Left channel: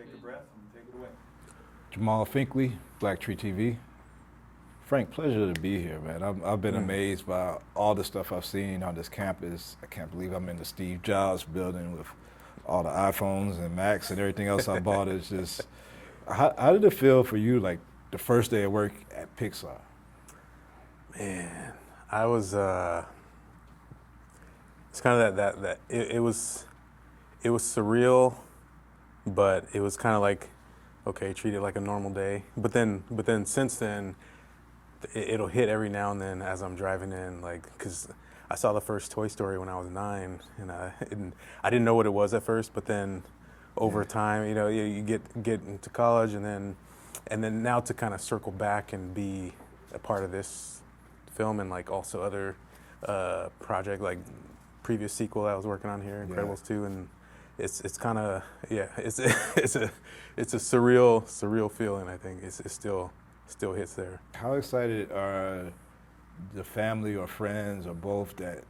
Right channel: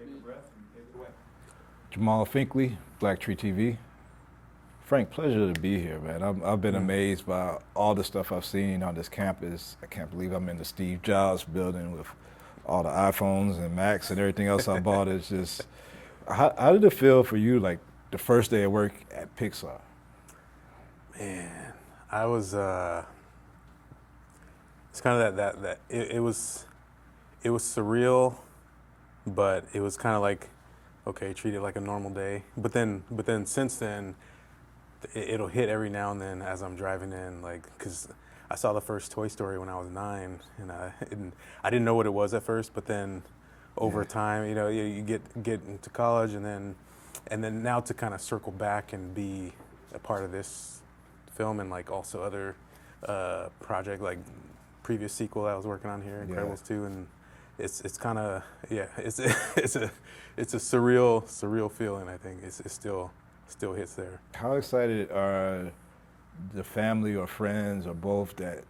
Take a breath and take it away. Jamal Finkley, Black Tree TV. Frank, pleasure to be here, man. I've been amazed by all the stuff I've seen on this campus. I can't believe I'm in the Steve Jobs building with all the iPhones and Macs and everything else I bought. It's just, how did it feel for you, like the first day of work at Pixar? Man, I was, it's kind of it was surreal, but it was kind of like, okay, treat it like a normal day. But then since then, it'll hit every now and then as I'm driving in, like, because I saw the first Toy Story when I was 9, and I didn't know what it was at first, but then over time, you know, you get into college, and then now to kind of circle back and be a part of this film and like also other project, like previous sequel I was working on here, Incredibles 2, and it's kind of it's a surreal feeling. I think it still hits there. How excited are the family or friends or both that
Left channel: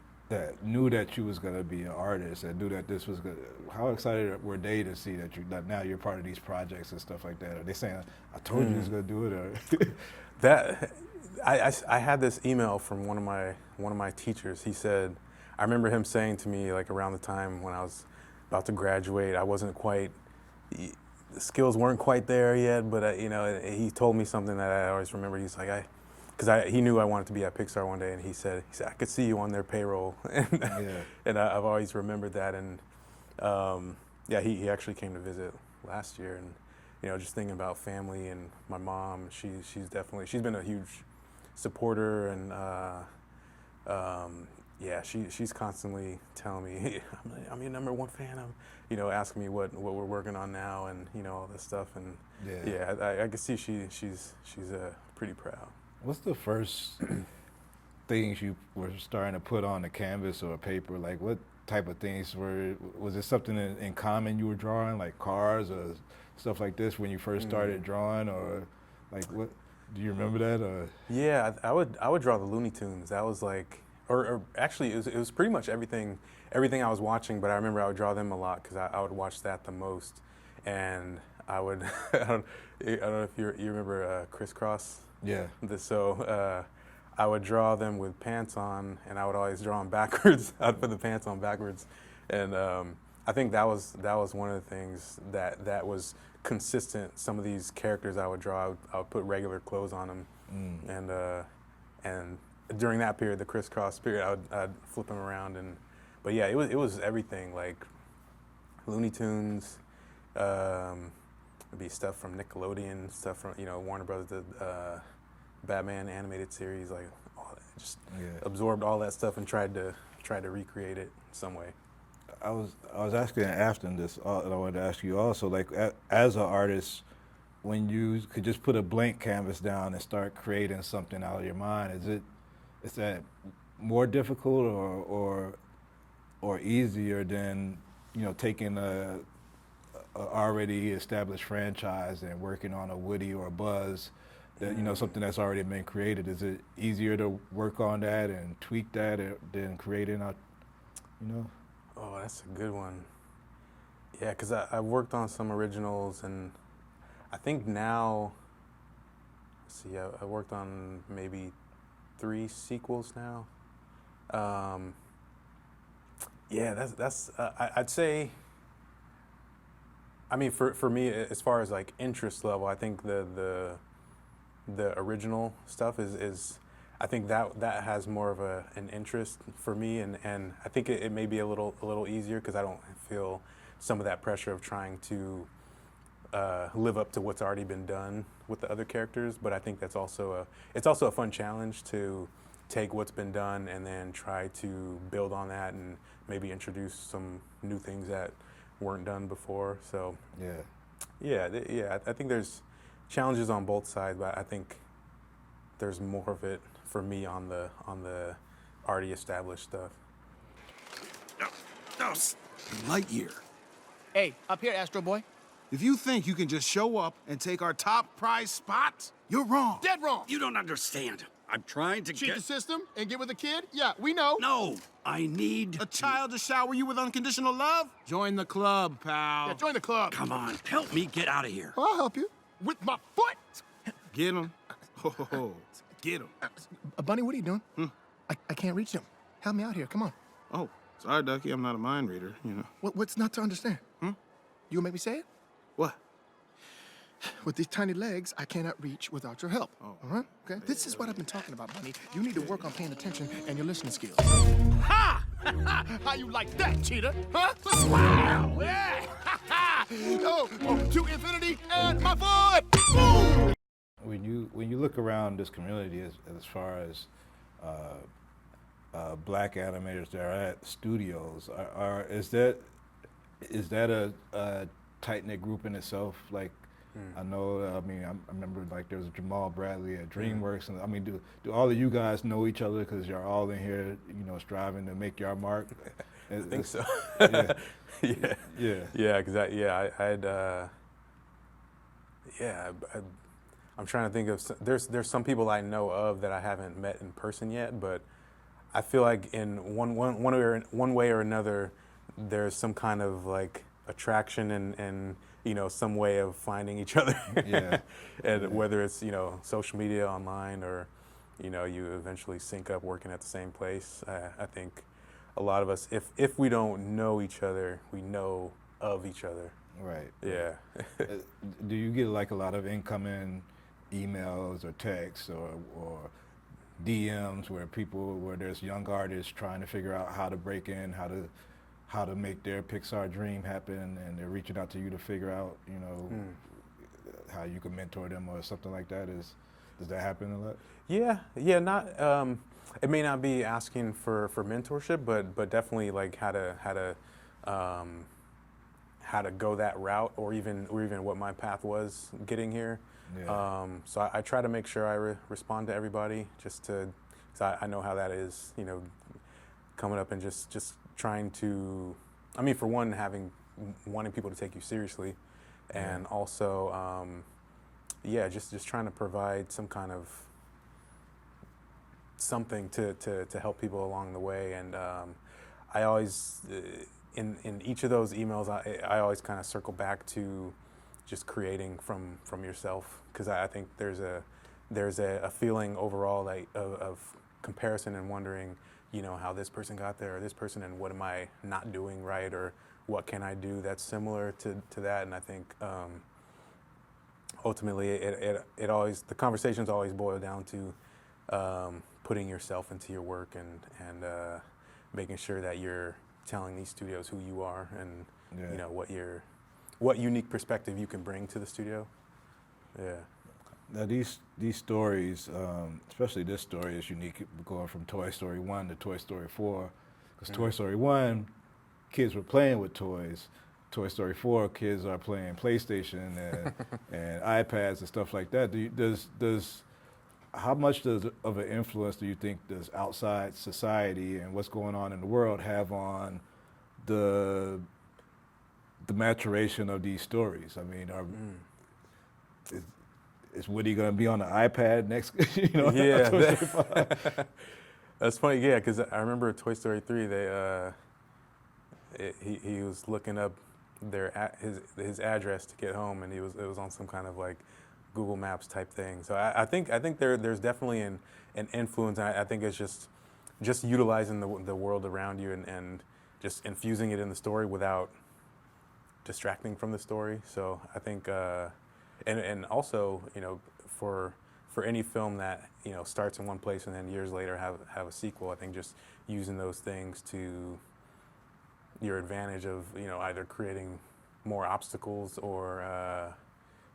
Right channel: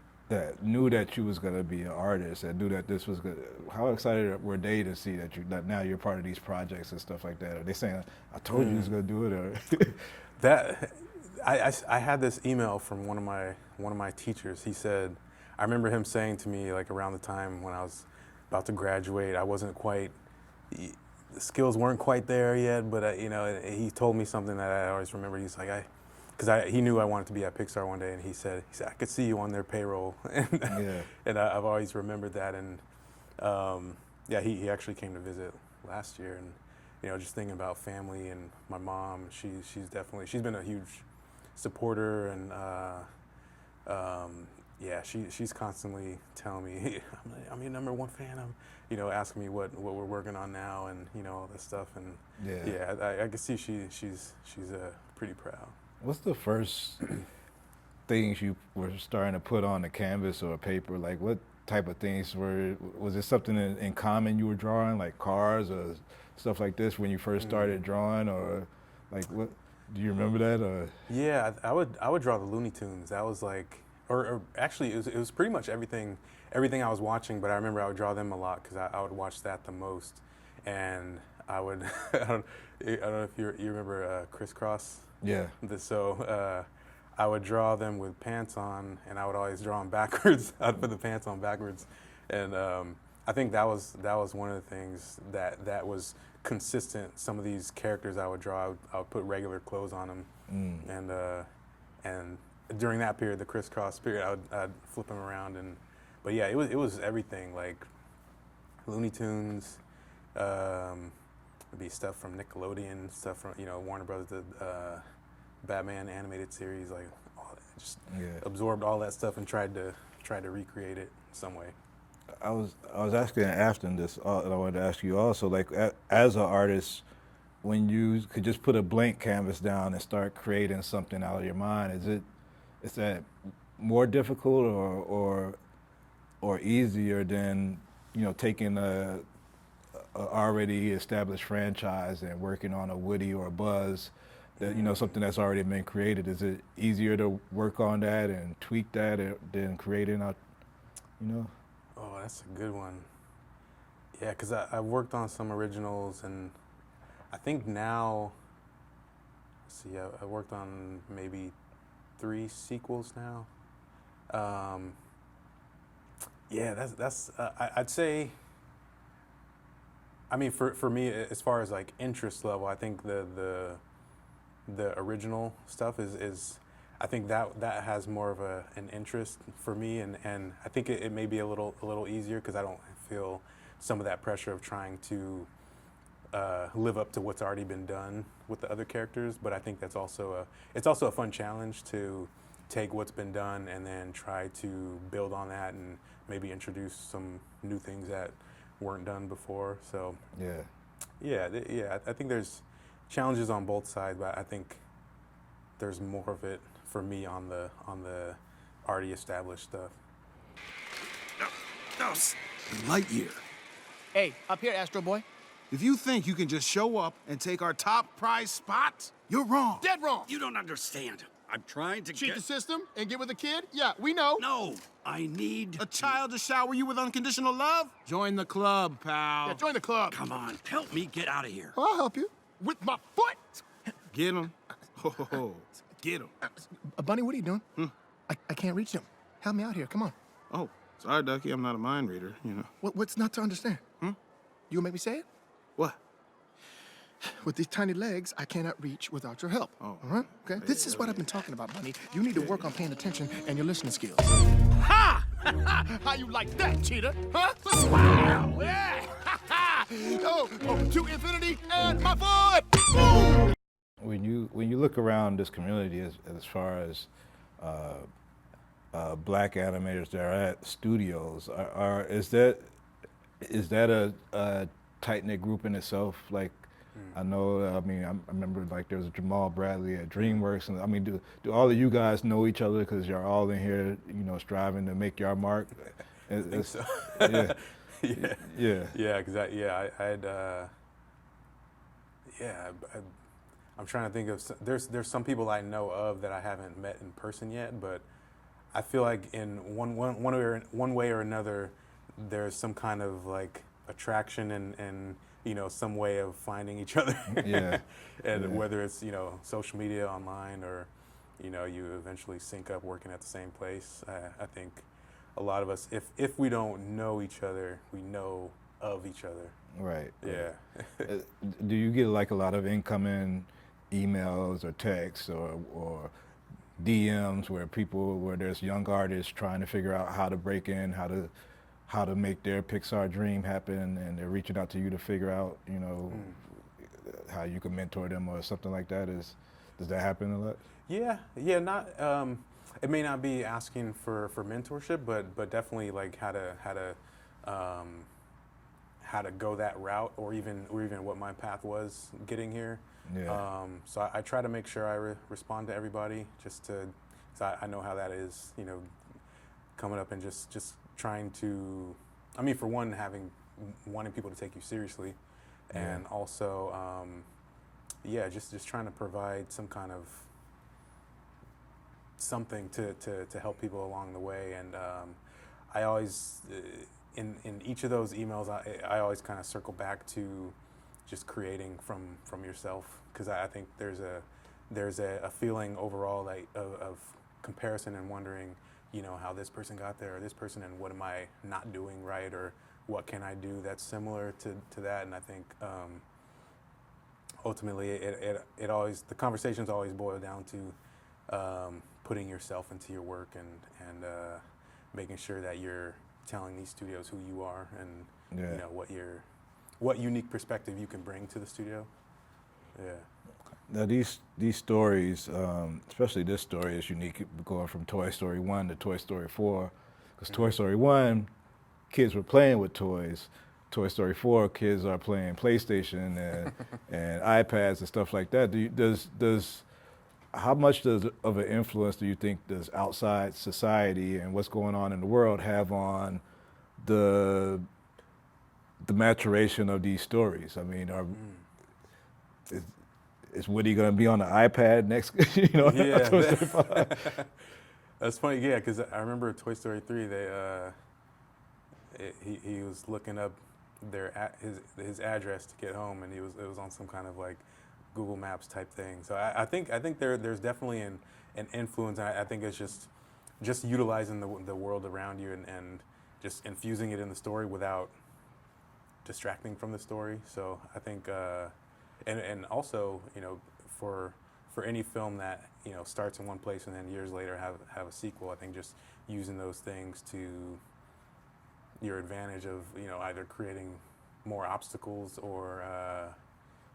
knew that you was gonna be an artist, that knew that this was good? How excited were they to see that now you're part of these projects and stuff like that? Are they saying, "I told you he was gonna do it," or that? I had this email from one of my teachers. He said, I remember him saying to me, like, around the time when I was about to graduate, I wasn't quite, the skills weren't quite there yet, but you know, he told me something that I always remember. He's like, he knew I wanted to be at Pixar one day, and he said I could see you on their payroll, and I've always remembered that. And he actually came to visit last year, and you know, just thinking about family and my mom, she's been a huge supporter, and she's constantly telling me, hey, I'm your #1 fan. You know, asking me what we're working on now, and you know, all this stuff, and I can see she's pretty proud. What's the first things you were starting to put on the canvas or paper? Like, what type of things was it something in common you were drawing, like cars or stuff like this when you first started drawing, or like what? Do you remember that? Or yeah, I would draw the Looney Tunes. That was like, or actually it was pretty much everything I was watching. But I remember I would draw them a lot because I would watch that the most, and I would I don't know if you remember Crisscross. Yeah. So I would draw them with pants on, and I would always draw them backwards. I'd put the pants on backwards, and I think that was one of the things that was consistent. Some of these characters I would draw, I would put regular clothes on them, and during that period, the Crisscross period, I'd flip them around, but yeah, it was everything, like Looney Tunes, be stuff from Nickelodeon, stuff from, you know, Warner Brothers did Batman animated series, like all that. Just absorbed all that stuff and tried to recreate it some way. I was asking Afton this, and I wanted to ask you also, like, as an artist, when you could just put a blank canvas down and start creating something out of your mind, is that more difficult or easier than, you know, taking a already established franchise and working on a Woody or a Buzz, that, you know, something that's already been created? Is it easier to work on that and tweak that than creating a, you know? Oh, that's a good one. Yeah, because I've worked on some originals, and I think now, let's see, I worked on maybe 3 sequels now. I'd say, I mean, for me, as far as like interest level, I think the original stuff is I think that has more of an interest for me, and I think it may be a little easier because I don't feel some of that pressure of trying to live up to what's already been done with the other characters. But I think that's also a fun challenge to take what's been done and then try to build on that and maybe introduce some new things that weren't done before. So I think there's challenges on both sides, but I think there's more of it for me on the already established stuff. No, Lightyear. Hey, up here, Astro Boy. If you think you can just show up and take our top prize spot, you're wrong. Dead wrong. You don't understand. I'm trying to Cheat get... the system and get with a kid? Yeah, we know. No, I need... A child to shower you with unconditional love? Join the club, pal. Yeah, join the club. Come on, help me get out of here. I'll help you. With my foot. Get him. Oh, get him. Bunny, what are you doing? I can't reach him. Help me out here. Come on. Oh, sorry, Ducky. I'm not a mind reader, you know. What's not to understand? You gonna make me say it? What? With these tiny legs, I cannot reach without your help. All right? Okay? This is what I've been talking about, Bunny. You need to work on paying attention and your listening skills. Ha! How you like that, cheater? Huh? Wow! Yeah! oh, to infinity and my foot! Boom! When you look around this community as far as black animators that are at studios, is that a tight knit group in itself? Like, I know, I remember like there was Jamal Bradley at DreamWorks, and I mean, do all of you guys know each other because you're all in here, striving to make your mark? I think so. Yeah. Yeah, because I'm trying to think of, there's some people I know of that I haven't met in person yet, but I feel like in one way or another, there's some kind of like attraction and some way of finding each other. Yeah. And whether it's, social media, online, or, you eventually sync up working at the same place. I think a lot of us, if we don't know each other, we know of each other. Right. Yeah. Do you get like a lot of incoming emails or texts or DMs where there's young artists trying to figure out how to break in, how to make their Pixar dream happen, and they're reaching out to you to figure out, how you can mentor them or something like that? Does that happen a lot? Yeah, not. It may not be asking for mentorship, but definitely like how to go that route, or even what my path was getting here. Yeah. So I try to make sure I respond to everybody, because I know how that is. Coming up and just trying to, for one, wanting people to take you seriously, and also, just trying to provide some kind of something to help people along the way. And I always, in each of those emails, I always kind of circle back to just creating from yourself, because I think there's a feeling overall of comparison and wondering, how this person got there, or this person, and what am I not doing right, or what can I do that's similar to that. And I think ultimately the conversations always boil down to putting yourself into your work and making sure that you're telling these studios who you are, and what unique perspective you can bring to the studio. Yeah. Now these stories, especially this story, is unique, going from Toy Story 1 to Toy Story 4. Because Toy Story 1, kids were playing with toys. Toy Story 4, kids are playing PlayStation and iPads and stuff like that. How much of an influence do you think does outside society and what's going on in the world have on the maturation of these stories? I mean, is Woody going to be on the iPad next? Yeah, that's funny. Yeah, because I remember Toy Story 3. He was looking up his address to get home, and it was on some kind of like Google Maps type thing. So I think there's definitely an influence. I think it's just utilizing the world around you and just infusing it in the story without distracting from the story. So I think. And also, for any film that starts in one place and then years later have a sequel, I think just using those things to your advantage of either creating more obstacles or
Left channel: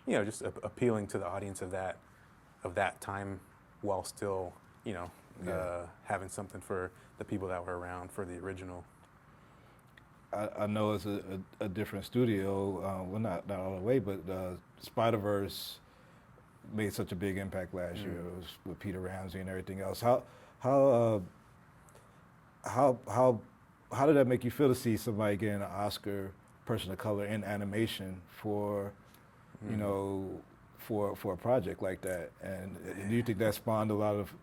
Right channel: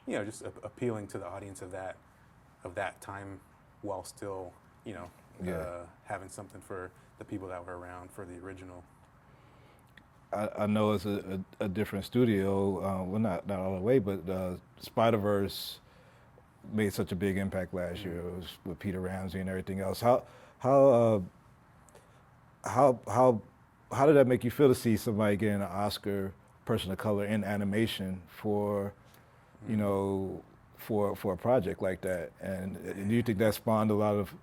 just appealing to the audience of that time, while still having something for the people that were around for the original. I know it's a different studio, well, not all the way, but Spider-Verse made such a big impact last year. It was with Peter Ramsey and everything else. How did that make you feel to see somebody getting an Oscar, person of color, in animation for a project like that? And do you think that spawned a lot of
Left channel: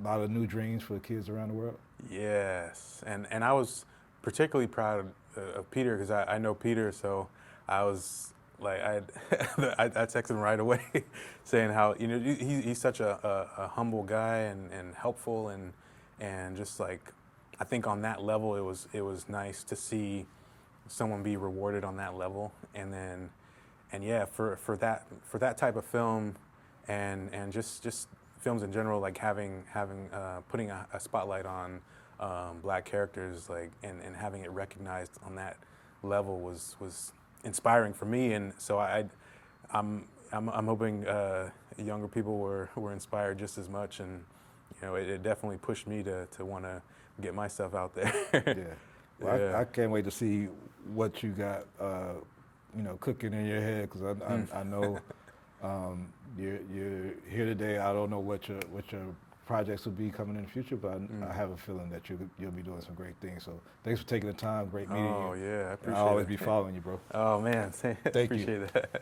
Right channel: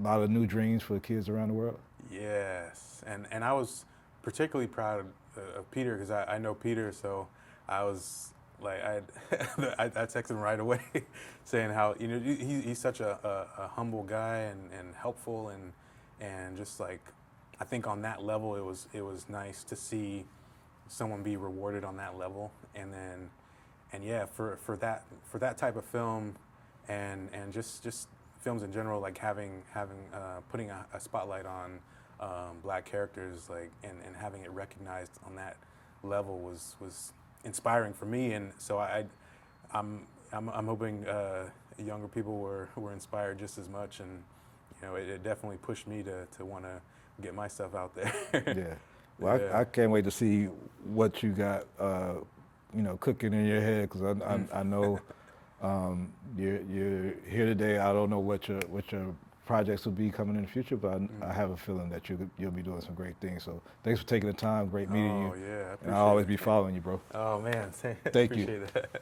a lot of new dreams for kids around the world? Yes, and I was particularly proud of Peter because I know Peter, so I was like I texted him right away, saying how he's such a humble guy and helpful and just like I think on that level it was nice to see someone be rewarded on that level, and yeah for that type of film and just films in general, like having putting a spotlight on black characters, like and having it recognized on that level was inspiring for me, and so I'm hoping younger people were inspired just as much, and it definitely pushed me to want to get myself out there. Yeah. Well, Yeah. I can't wait to see what you got, cooking in your head, because I know you're here today. I don't know what your projects will be coming in the future, but I have a feeling that you'll be doing some great things. So thanks for taking the time. Great meeting you. Oh yeah, I appreciate And I'll always it. be following you, bro. Oh man, Thank you. appreciate that.